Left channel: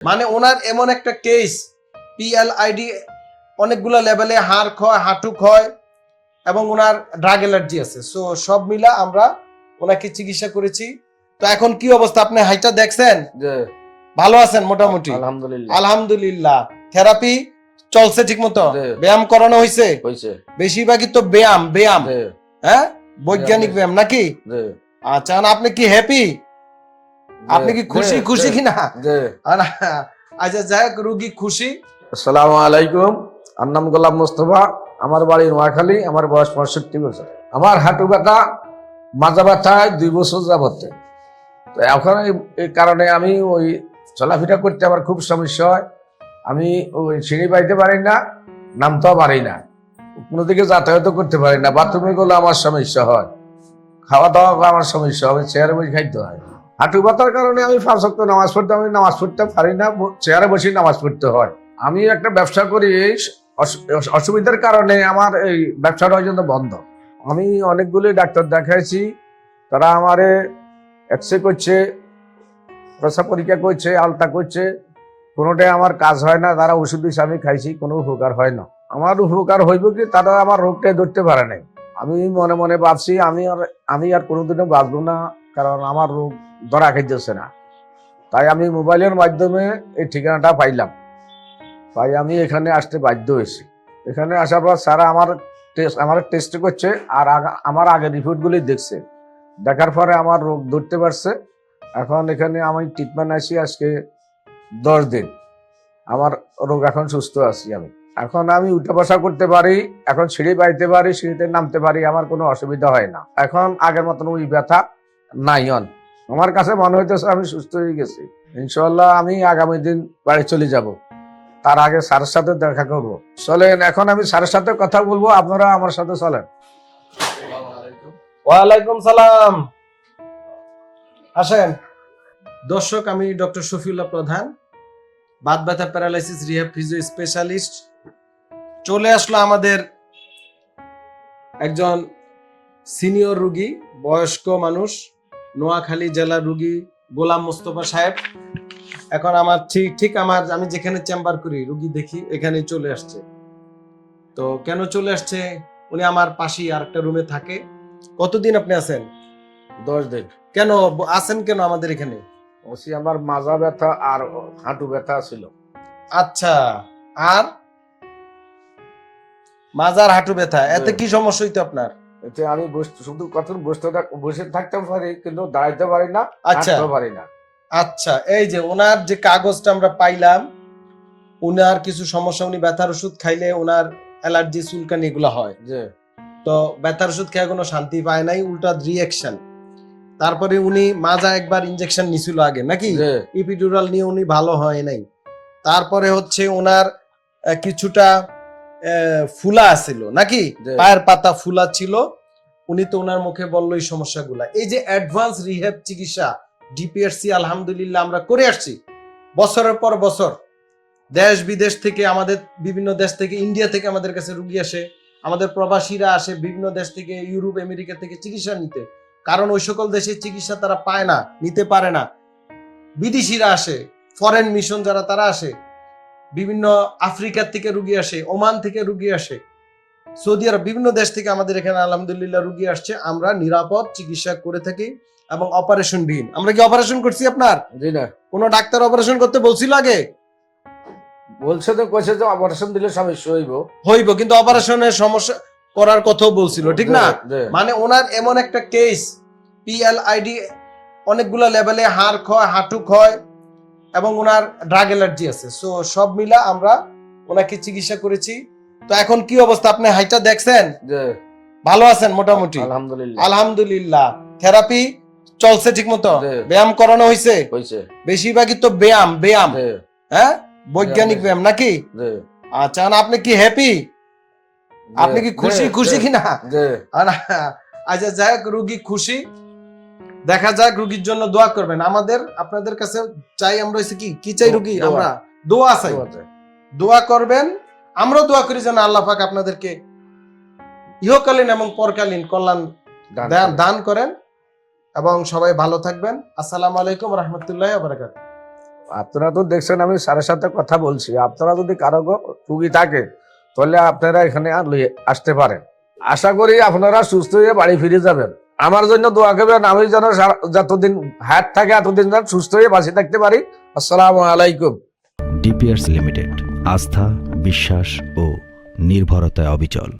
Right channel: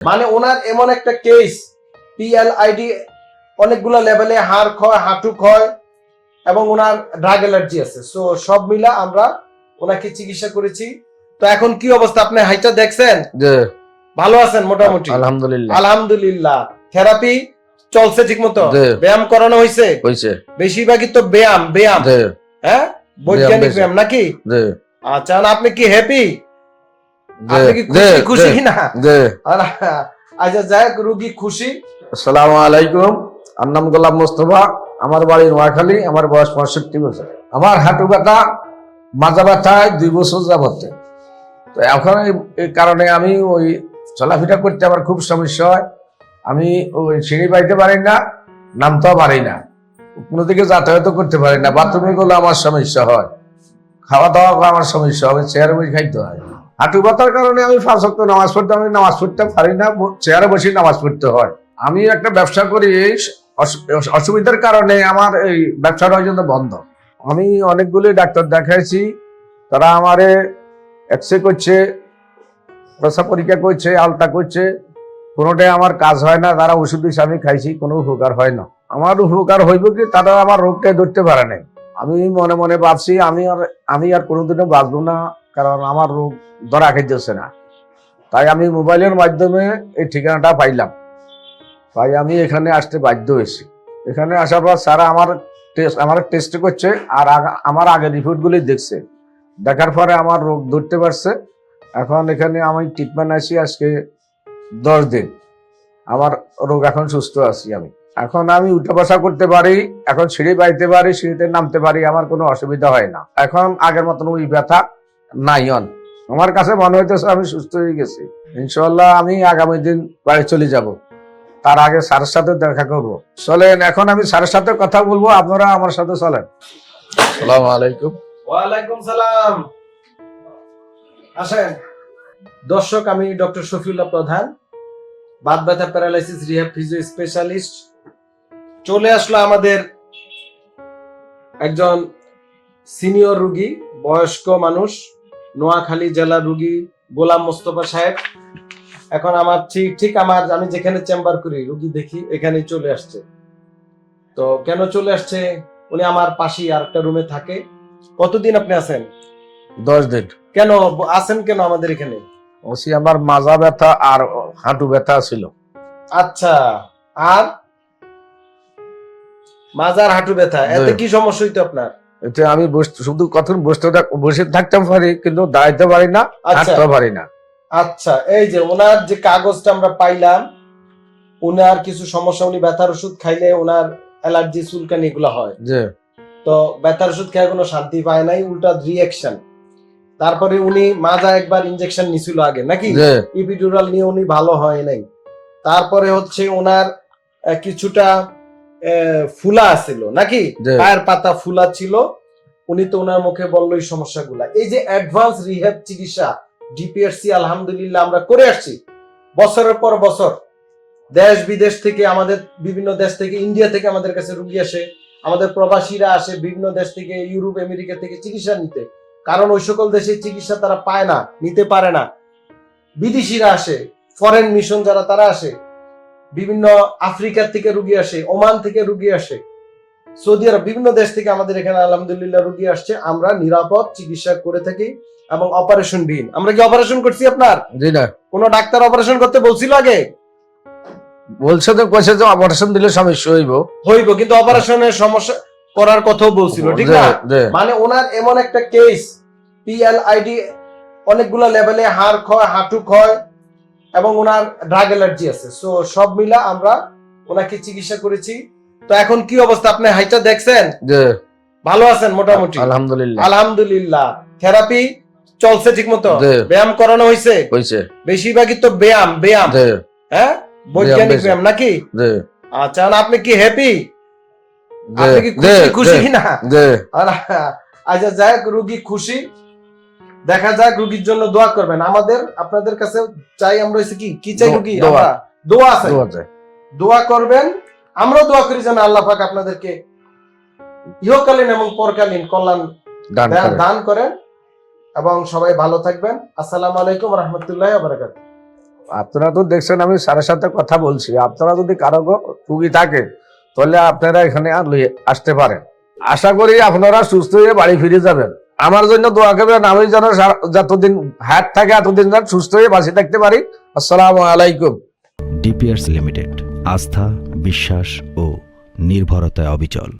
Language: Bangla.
মানে ওনার এমন একটা কেস পিএলআইডি অনেকগুলো লেভেলে হাড় ক্ষয় হাঁটু ক্ষয় এবং ওনার ড্রাগ অ্যালার্জি আছে। সো সব মিলা আমরা ওনাকে চিকিৎসা করেছি। তো এখন কি অবস্থা? আপনি হাইটা দেখছেন? জি। ভালো আছেন মোটামুটি? আলহামদুলিল্লাহ। আলহামদুলিল্লাহ। থেরাপি চলছে ঠিক মতো ব্যায়াম করানো হয়েছে হয়েছে বেশিরভাগই তো ব্যায়াম ব্যায়াম। হ্যাঁ? বৈজ্ঞানিক ব্যায়াম নাকি? জি। আচ্ছা আপনি কি হ্যাপি আপনি কি খুশি খুশি কিনা? আচ্ছা যাই হোক, রুগী খুশি। আসসালামু আলাইকুম। আমার নাম গোলাম মোস্তফা। আমার বাড়ি নোয়াখালী আমার বয়স পঁয়ষট্টি বছর। আমার হাঁটু ব্যথা মাজা ব্যথায় দুই বছর যাবতে তো এখন এই- কারণে আমি ওই চলাফেরা করতে আমার খুব সমস্যা হয়। আমি ওই সিঁড়ি বাইতে পারি না নামতেও পারি না। কোনো দিকে যাতায়াত করতে পারি না। বাথরুমে গেলে আমার সমস্যা হয়। খাওয়া দাওয়া আমার সমস্যা হবে চেয়ারে বসে খাইতে হয়। হাঁটু ব্যথার কারণে আমি পাঁচ ওয়াক্ত নামাজ পড়তে আমি নামাজ পড়তে পারি না চেয়ারে বসে নামাজ পড়তে হয়। আমি একটা ব্যবসা করি অসুবিধার কারণে আমার এই ব্যবসাটা জন্য বন্ধ। আমি অনেকগুলি ডাক্তার দেখাইছি, তারা আমারে এক্সরে করছে, প্রসাব পরীক্ষা করছে আলতা করছে। কোনোটাই আমার কাজ হয় না, তারা ওষুধ দিচ্ছে আমি খাইছি, কোনো উপকার হয় না। আমার উপকার হইব কি, তারা আমার রোগটা ধরতে পারে নাই। আমি মনে মনে ভাবছি, আমি আর আমি আর কোনোদিনও বাঁচবো না। কারণ আমার রোগ ধরা খাইতেছে না। তাই আমি মোবাইলের মাধ্যমে এই ঠিকানাটা পাইলাম। তাই আমি এখানে আসতে বাধ্য হয়েছি। এখানে আসার পর স্যার আমার টেস্ট আমার টেস্ট করছে আর আগা- আমার আগের রিপোর্টগুলি দেখছে। দেখার পরে আমার রোগ ধরতে পারছে। এখন এখানে আমি ট্রিটমেন্ট আছি আজকে দশ দিন। আমার রোগ এখন সুস্থ আছি আমি। এখন আমি উঠা বসা করতে পারি, এখন সিঁড়ি বাইতে পারি, সিঁড়িতে নামতে পারি, আমার কোনো অসুবিধা হয় না। এখন আগের মতন ওই ব্যথা নাই অন। আমার কাছে মনে হইতেছে আমি সুস্থ হয়ে গেছি। ইনশাল্লাহ আমি আগামী দিন বাড়ি চলে যাব। তার আগে স্যারের সাথে দেখা করব। চলেন এখন আমি স্যারের সাথে কথা বলব আপনারা আমার সাথে চলেন। সালাম আলাইকুম। ওয়ালাইকুম সালাম। আসেন। দর্শক আমি ডক্টর শফিউল্লাহ প্রধান বাত ব্যথা প্যারালাইসিস রিহাব ফিজিও স্পেশালিস্ট। চলে আসলো আমাদের একজন সিনিয়র রুগী বয়স্ক মানুষ। নোয়াখালী জেলা রুগী গোলাম মোস্তফা সাহেব। এখন আমার ঠিক ঠিক আমার আমি যেখানে চেম্বার করি রুগী দেখি এখানেই চলে আসছে। তো কেন চলে আসছে? উনি আমার পাশেই আর একটা রুমে থাকে। কতদিন আপনি আছেন? দশ দিন। কেন আছেন কেন আমাদের এখানে? ওসি আমার মাজা ব্যথা আর হাঁটু ব্যথা ছিল। আচ্ছা আর? মাজার হাঁটু ব্যথা এতে কি সমস্যা হইতো আপনার? এতে আমি শুধু কখন বসতে থাক- বসে থাকতে পারি কিন্তু দাঁড়াইতে পারি না আচ্ছা। হাঁটতে পারি না। আচ্ছা এই যে ওনার যে কাগজটা আমরা পাইলাম উনার কিছু সমস্যা উনি ব্যথার ওষুধ খাইলে ওনার অ্যালার্জি চুলকানি এগুলো হয়। যে তো ব্যথার ওষুধ খেয়ে কোনো শান্তি পায় নাই উল্টা রিয়াকশন তারপরে উনি মাজা একবার ইনজেকশন নিছিল আগে নাকি? ইপিডুরাল নিয়ে উনি ভালো হয় নাই। তারপরে হচ্ছে ওনার কিছুটা ফুলা ছিল নাকি? পায়ের পাতা ফুলা ছিল উনি তো ওনার মুখে বলল এই সমস্যাগুলা। এই যে অ্যাডভান্স রিহ্যাব চিকিৎসা ডিপিএসসি আলহামদুলিল্লাহ আমরা করে আসছি। বছরের পর বছর দেশ বিদেশ থেকে আমাদের বিভিন্ন দেশ থেকে ইন্ডিয়া থেকে আমাদের কাছে রুগী আসে আমাদের প্রবাসীরা আসে বিভিন্ন দেশ থেকে ইউরোপ আমেরিকা থেকে চিকিৎসা নিতে। কারণ ওই সকল দেশে চিকিৎসা তারা পায় না নিতে পারে না। বিদেশিরা আসে ফরেন মিশন যারা তারা আসে। বিভিন্ন আফ্রিকার থেকে রুগী আসে ওমান থেকে রুগী আসে সৌদি আরব বিভিন্ন দেশ থেকে আমাদের এখানে আলহামদুলিল্লাহ রুগী আসছে। আমরা নিরাপদ চিকিৎসা করে থাকি এবং অপারেশন বিহীন। আমরা কি অপারেশন করছি আপনার? জি না। কোন ডাক্তার অপারেশন করতে বলছিল আগে? বলছে তো কইছে যে অপারেশন দিলে সমস্যা হইব। হইব কিন্তু অপারেশনের সমস্যা করার কথাও বলছিল ঠিক না? মানে ওনার এমন একটা কেস পিএলআইডি অনেকগুলো লেভেলে হাড় ক্ষয় হাঁটু ক্ষয় এবং ওনার ড্রাগ অ্যালার্জি আছে। সো সব মিলা আমরা ওনাকে চিকিৎসা করেছি। তো এখন কি অবস্থা? আপনি হাইটা দেখছেন? ভালো আছেন মোটামুটি? আলহামদুলিল্লাহ। আলহামদুলিল্লাহ। থেরাপি চলছে ঠিক মতো ব্যায়াম করানো হয়েছে হইছে। বেশিরভাগই তো ব্যায়াম ব্যায়াম। হ্যাঁ? বৈজ্ঞানিক ব্যায়াম নাকি? আচ্ছা আপনি কি হ্যাপি আপনি কি খুশি খুশি কিনা? আচ্ছা যাই হোক রুগী খুশি। দেখা যাক রুগীর জন্য দোয়া করবেন। আমাদের আপনাদের কাছে চাই আমরা হচ্ছে কি? কি চাই রুগী। আমরা দোয়া আছে দোয়া চাই। দোয়া করবেন। আমরা দোয়া করি যেন আল্লাহ পাক আপনাদেরকে ইহকালীন এবং পরকালীন কল্যাণ দান দান- করে। করেন এবং সবাই ভালো থাকবেন। আসসালামু আলাইকুম রহমতুল্লাহ বারাকাত আপনারা তো দেখছেন আমি স্যারের সাথে কথা বলছি। আপনারা যদি কারও রুগী থাকে তাহলে আপনারা এখানে আর আসতে পারেন। আশা করি আপনারা সুস্থ হয়ে বাড়ি ফিরে যাবেন। আমার জন্য দোয়া করবেন, আমি যেন যতদিন হাত থাকে এতদিন যেন সুস্থ হয়ে বাঁচে থাকতে পারি। আসসালাম আলাইকুম। ডিপিআরস লিমিটেড, আস্থা, বিশ্বাস ও নির্ভরতায় অবিচল।